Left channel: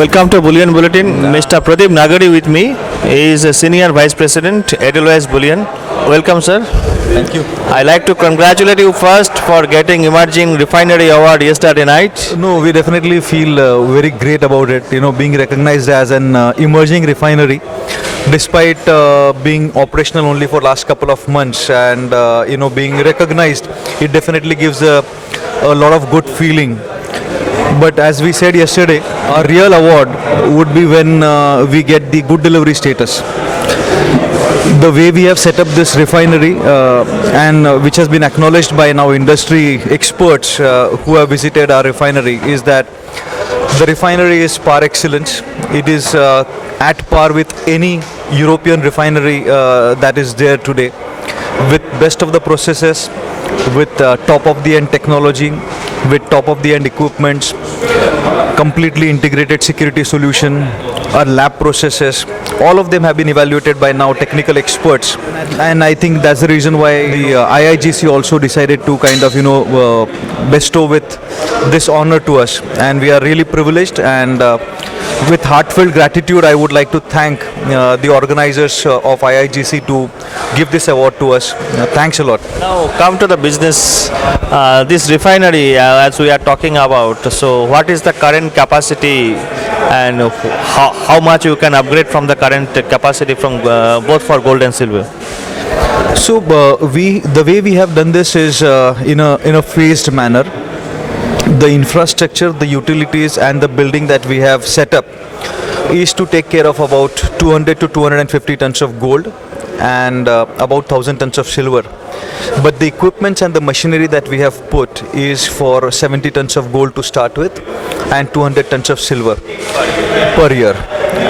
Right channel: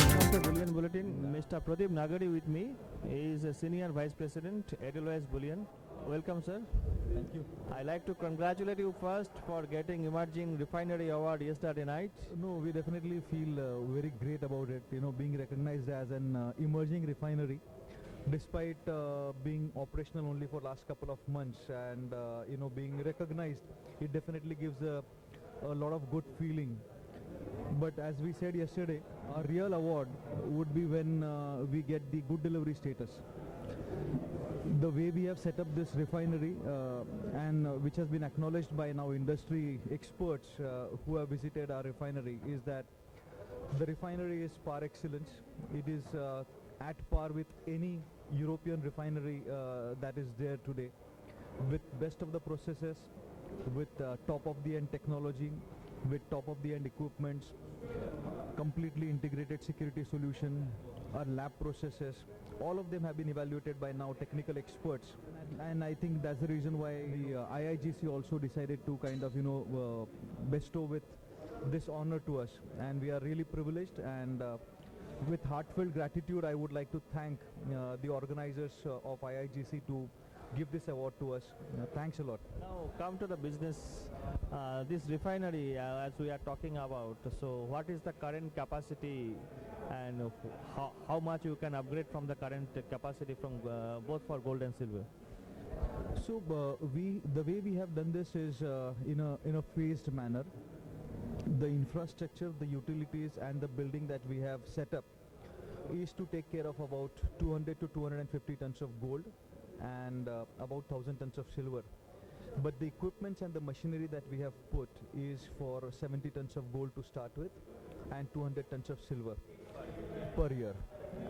Welcome to Bullion Bulletin. Mr. Pradeep Nagori with me. He is a Senior Vice President, Edelweiss Bullion. Welcome, sir. Thank you. I like to congratulate you first for getting Emerging Refinery Award yesterday night. No, we definitely feel very great about it. Being recognized as an emerging refinery, despite being operational only for last couple of months, and being recognized, it definitely gives a lot of good feeling. But as we said yesterday, our real award would be when we get the good delivery status. The way we have set up this refinery and which has been acknowledged by now industry experts who have visited our refinery is that the refinery is par excellence. It is at par with any European refinery that is there today, with best of the processes, with top of the end technology, with top of the end equipments, completely integrated security solution, our lab processes, all of them have been evaluated by now technical experts, and I think that's the reason why the IIGC also decided to kind of bestow with this honor to us, and we are really privileged, and with heartfelt gratitude I would like to thank the organizers of IIGC to give this award to us. Thanks a lot. Now come to the business. This refinery, as we are talking about, so what is the current capacity and how much you can upgrade from the current capacity from both for gold and silver? So the way we have done this is in a phased manner. The infrastructure, the utilities and the building that we have set up is to take care of about 200 to 250 tons of gold and about 1000 tons of silver. But the equipments and the machinery that we have put is for 70 tons of gold to start with and 200 tons of silver per year.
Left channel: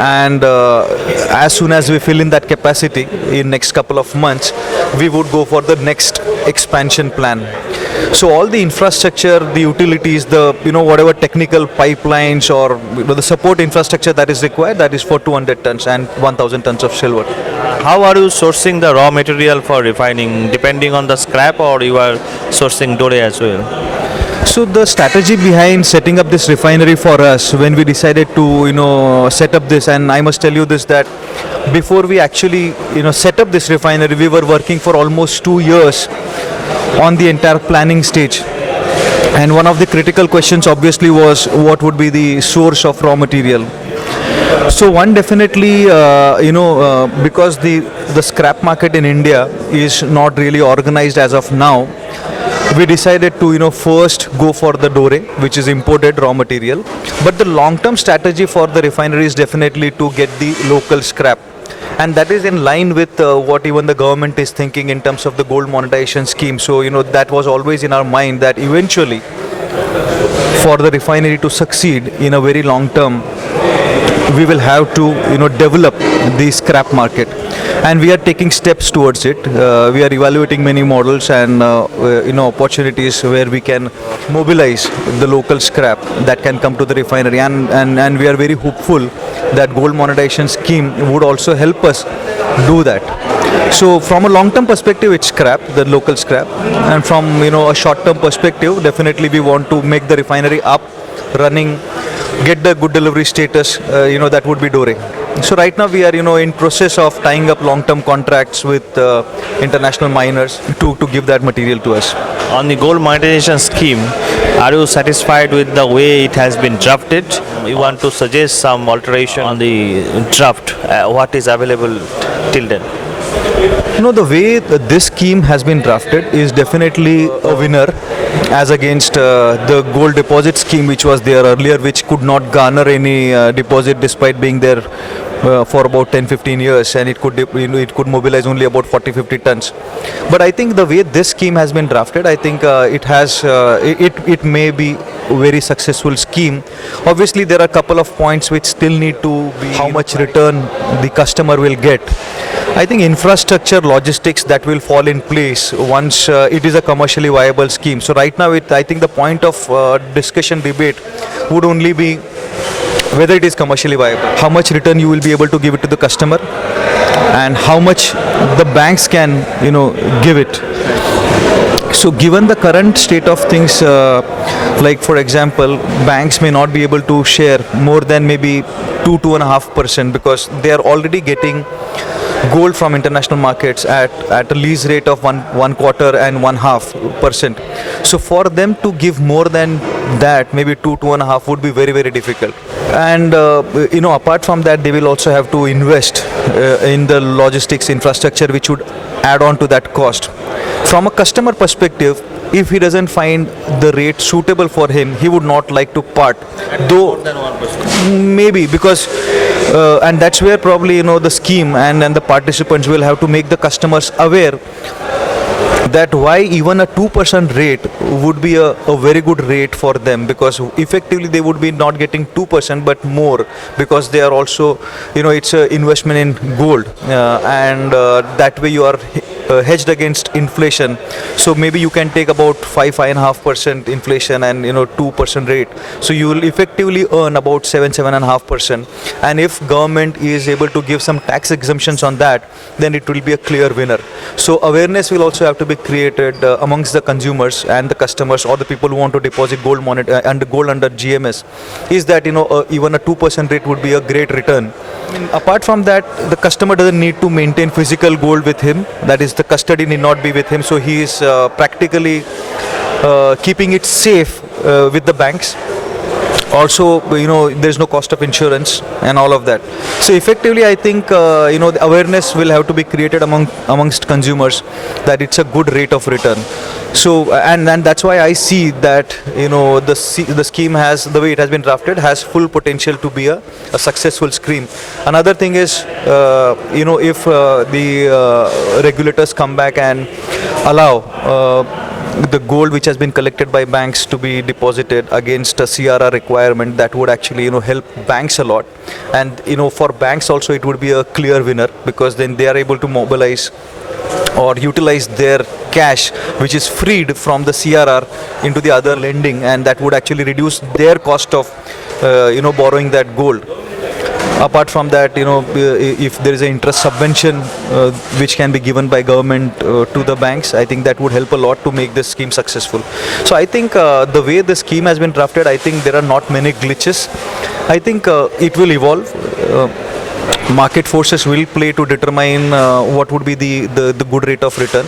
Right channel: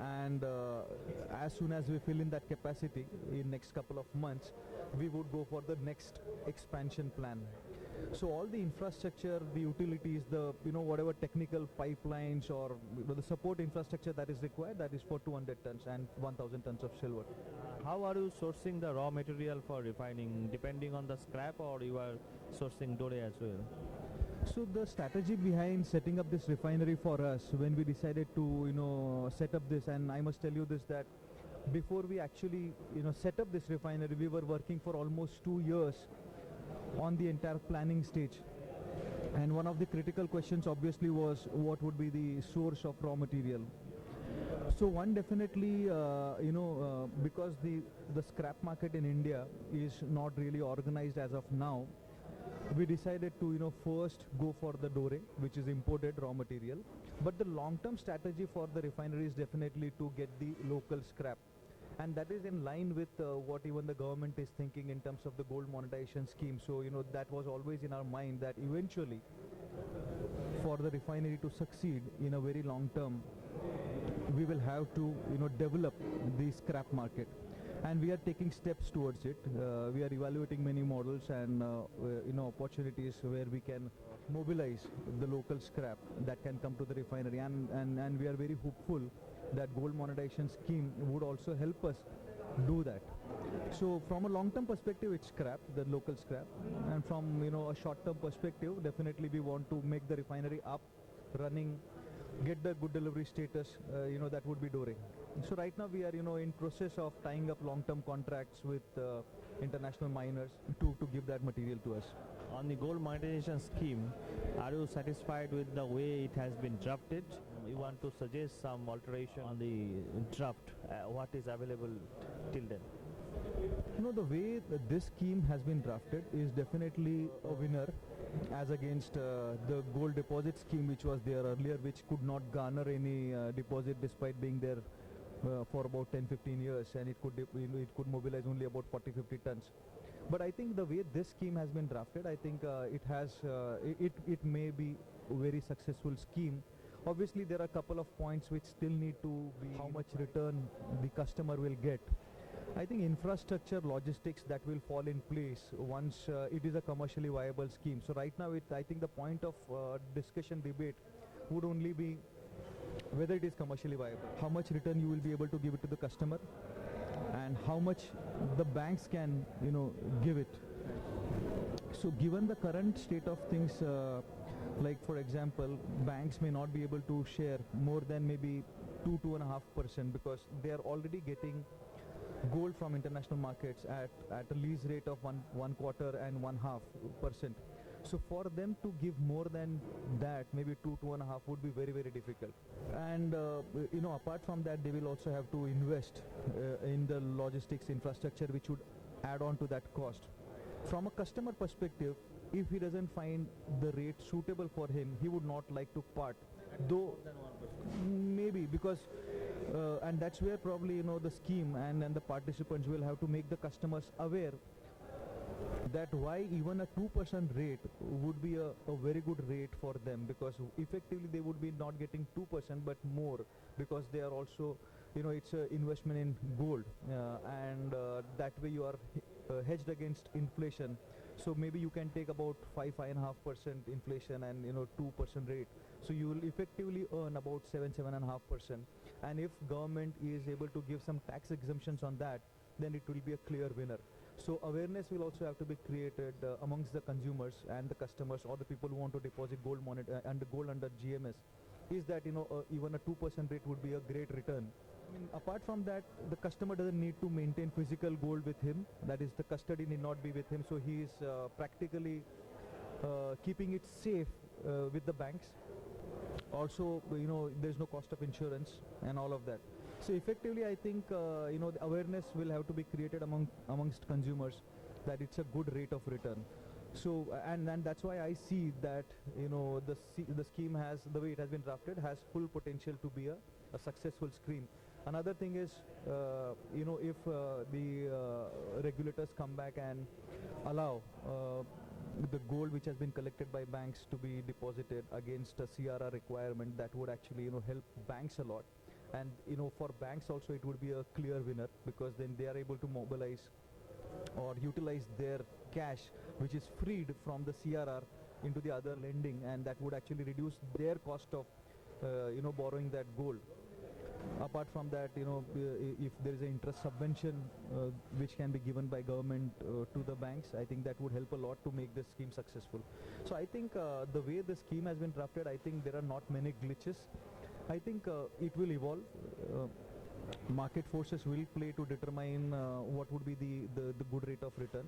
And as soon as we fill in that capacity in next couple of months, we would go for the next expansion plan. So all the infrastructure, the utilities, the whatever technical pipelines or the support infrastructure that is required, that is for 200 tons and 1000 tons of silver. How are you sourcing the raw material for refining? Depending on the scrap, or you are sourcing doré as well? So the strategy behind setting up this refinery for us, when we decided to set up this, and I must tell you this, that before we actually set up this refinery, we were working for almost 2 years on the entire planning stage. And one of the critical questions obviously was what would be the source of raw material. So one definitely, because the scrap market in India is not really organized as of now, we decided to first go for the doré, which is imported raw material. But the long-term strategy for the refinery is definitely to get the local scrap. And that is in line with what even the government is thinking in terms of the gold monetization scheme. So, that was always in our mind that eventually for the refinery to succeed in a very long term, we will have to, develop the scrap market. And we are taking steps towards it. We are evaluating many models and, opportunities where we can mobilize the local scrap that can come to the refinery. And we are very hopeful that gold monetization scheme would also help us do that. So from a long-term perspective, it's scrap, the local scrap. And from, a short-term perspective, definitely we want to make the refinery up, running, get the good delivery status, that would be doré. So right now we are, in process of tying up long-term contracts with international miners to give that material to us. On the gold monetization scheme, are you satisfied with the way it has been drafted? You want to suggest some alteration on the draft? What is available till then? The way this scheme has been drafted is definitely a winner as against the gold deposit scheme which was there earlier, which could not garner any deposit despite being there for about 10-15 years, and it could mobilize only about 40-50 tons. But I think the way this scheme has been drafted, I think it may be a very successful scheme. Obviously there are a couple of points which still need to be how much return the customer will get. I think infrastructure, logistics, that will fall in place once it is a commercially viable scheme. So right now I think the point of discussion, debate would only be whether it is commercially viable, how much return you will be able to give it to the customer, and how much the banks can give it. So given the current state of things Like for example, banks may not be able to share more than maybe 2.5% because they are already getting gold from international markets at a lease rate of one quarter and 1.5%. So for them to give more than that, maybe 2.5 would be very, very difficult. And apart from that, they will also have to invest in the logistics infrastructure, which would add on to that cost. From a customer perspective, if he doesn't find the rate suitable for him, he would not like to part. Though More than 1%. maybe because and that's where probably the scheme and the participants will have to make the customers aware that why even a 2% rate would be a very good rate for them, because effectively they would be not getting 2% but more, because they are also it's an investment in gold, and that way you are hedged against inflation. So maybe you can take about 5.5% inflation and 2% rate, so you will effectively earn about 7.5%. And if government is able to give some tax exemptions on that, then it will be a clear winner. So awareness will also have to be created amongst the consumers and the customers, or the people who want to deposit gold under GMS, is that even a 2% rate would be a great return. Apart from that, the customer doesn't need to maintain physical gold with him, that is, the custody need not be with him, so he is practically keeping it safe with the banks. Also, there's no cost of insurance and all of that. So effectively, I think the awareness will have to be created amongst consumers that it's a good rate of return. So and that's why I see that the scheme has, the way it has been drafted, has full potential to be a successful scheme. Another thing is if the regulators come back and allow the gold which has been collected by banks to be deposited against a CRR requirement, that would actually help banks a lot. And for banks also it would be a clear winner, because then they are able to mobilize or utilize their cash which is freed from the CRR into the other lending, and that would actually reduce their cost of borrowing that gold. Apart from that, if there is an interest subvention which can be given by government to the banks, I think that would help a lot to make this scheme successful. So I think the way the scheme has been drafted, I think there are not many glitches. I think it will evolve. Market forces will play to determine what would be the good rate of return.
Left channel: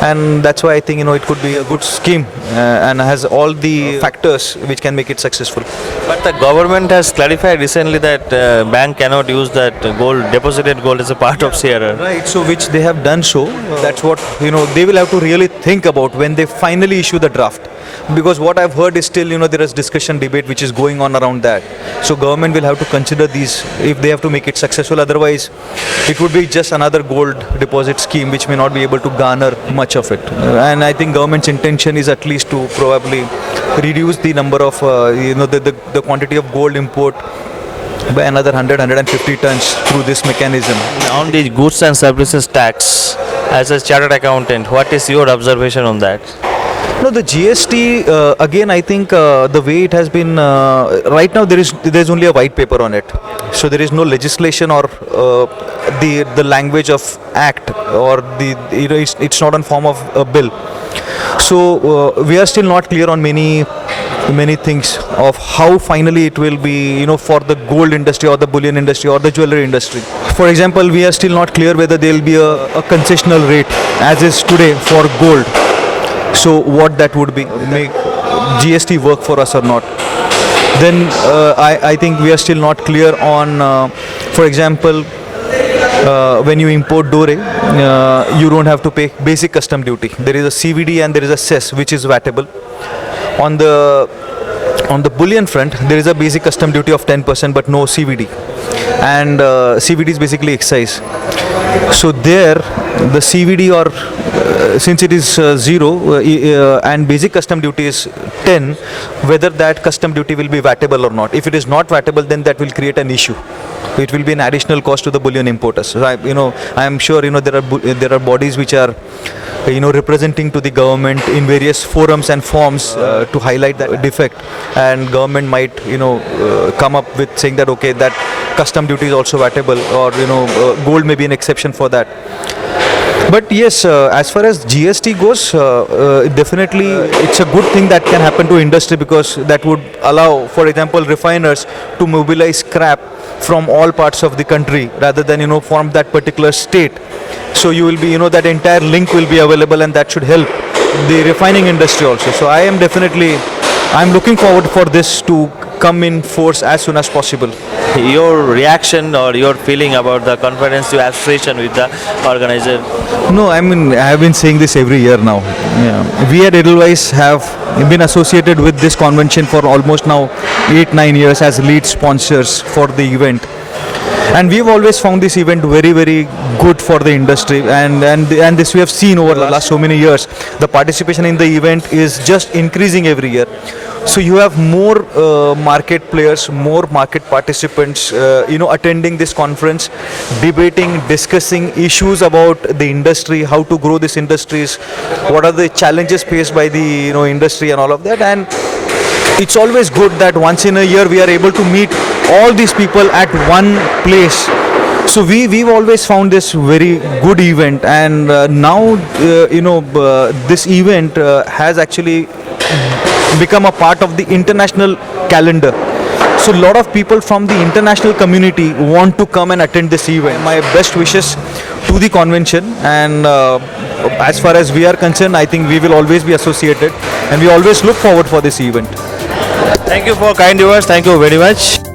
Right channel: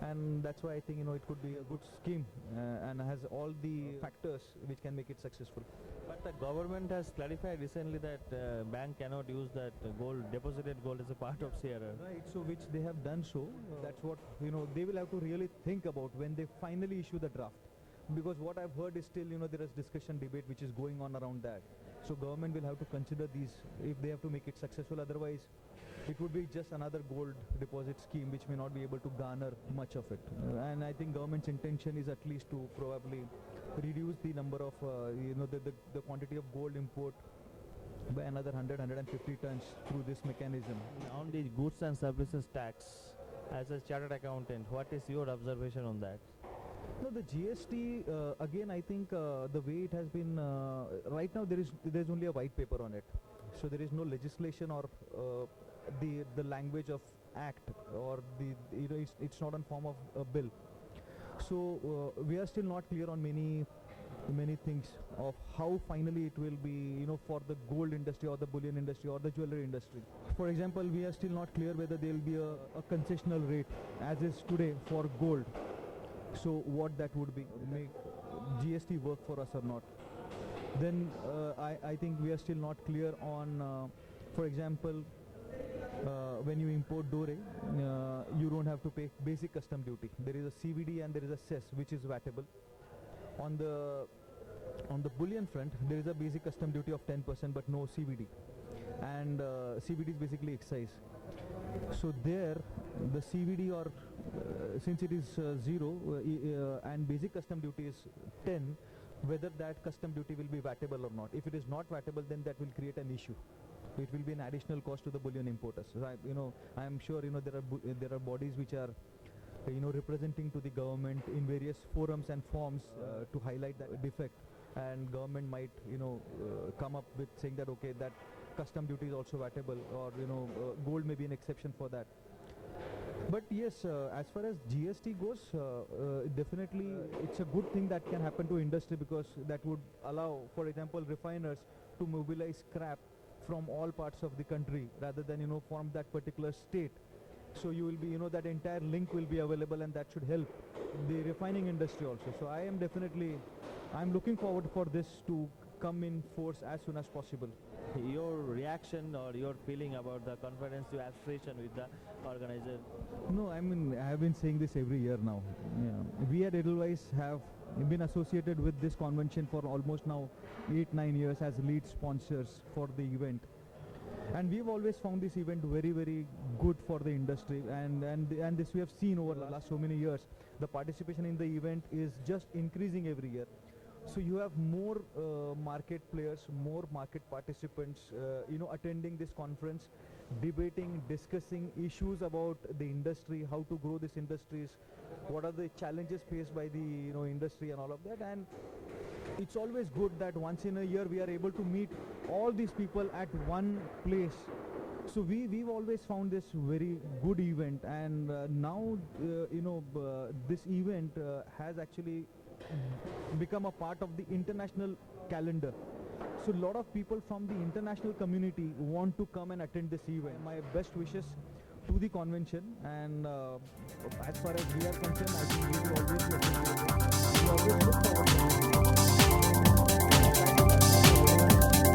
And that's why I think it could be a good scheme and has all the factors which can make it successful. But the government has clarified recently that bank cannot use that deposited gold as a part of CRR. Right, so which they have done so. That's what they will have to really think about when they finally issue the draft. Because what I've heard is still there is discussion, debate which is going on around that. So government will have to consider these if they have to make it successful. Otherwise, it would be just another gold deposit scheme which may not be able to garner much of it. And I think government's intention is at least to probably reduce the number of the quantity of gold import by another 100-150 tons through this mechanism. On the goods and services tax, as a chartered accountant, what is your observation on that? No, the GST, again, I think the way it has been, right now there's only a white paper on it. So there is no legislation or the language of act, or it's not in form of a bill. So we are still not clear on many things of how finally it will be, for the gold industry or the bullion industry or the jewelry industry. For example, we are still not clear whether there will be a concessional rate as is today for gold. So what that would be, make GST work for us or not. Then I think we are still not clear on, for example, when you import dore, you don't have to pay basic custom duty. There is a CVD and there is a cess which is VATable. On the bullion front, there is a basic custom duty of 10% but no CVD. And CVD is basically excise. So there, the CVD or since it is 0 and basic custom duty is 10, whether that custom duty will be VATable or not. If it is not VATable, then that will create an issue. It will be an additional cost to the bullion importers. So I am sure there are bodies which are representing to the government in various forums and forms to highlight that defect, and government might come up with saying that okay, that custom duty is also VATable, or gold may be an exception for that. But yes, as far as GST goes, definitely it's a good thing that can happen to industry, because that would allow, for example, refiners to mobilize scrap from all parts of the country rather than from that particular state. So you will be that entire link will be available, and that should help the refining industry also. So I'm looking forward for this to come in force as soon as possible. Your reaction or your feeling about the comprehensive association with the organizer? No, I mean, I have been saying this every year now. Yeah. We at Edelweiss have been associated with this convention for almost now 8-9 years as lead sponsors for the event. And we've always found this event very, very good for the industry, and this we have seen over the last so many years. The participation in the event is just increasing every year. So you have more market players, more market participants, attending this conference, debating, discussing issues about the industry, how to grow this industries, what are the challenges faced by the industry and all of that. And it's always good that once in a year we are able to meet all these people at one place. So we've always found this very good event, and now this event has actually become a part of the international calendar. So a lot of people from the international community want to come and attend this event. My best wishes to the convention, and as far as we are concerned, I think we will always be associated, and we always look forward for this event. Thank you for kind viewers. Thank you very much.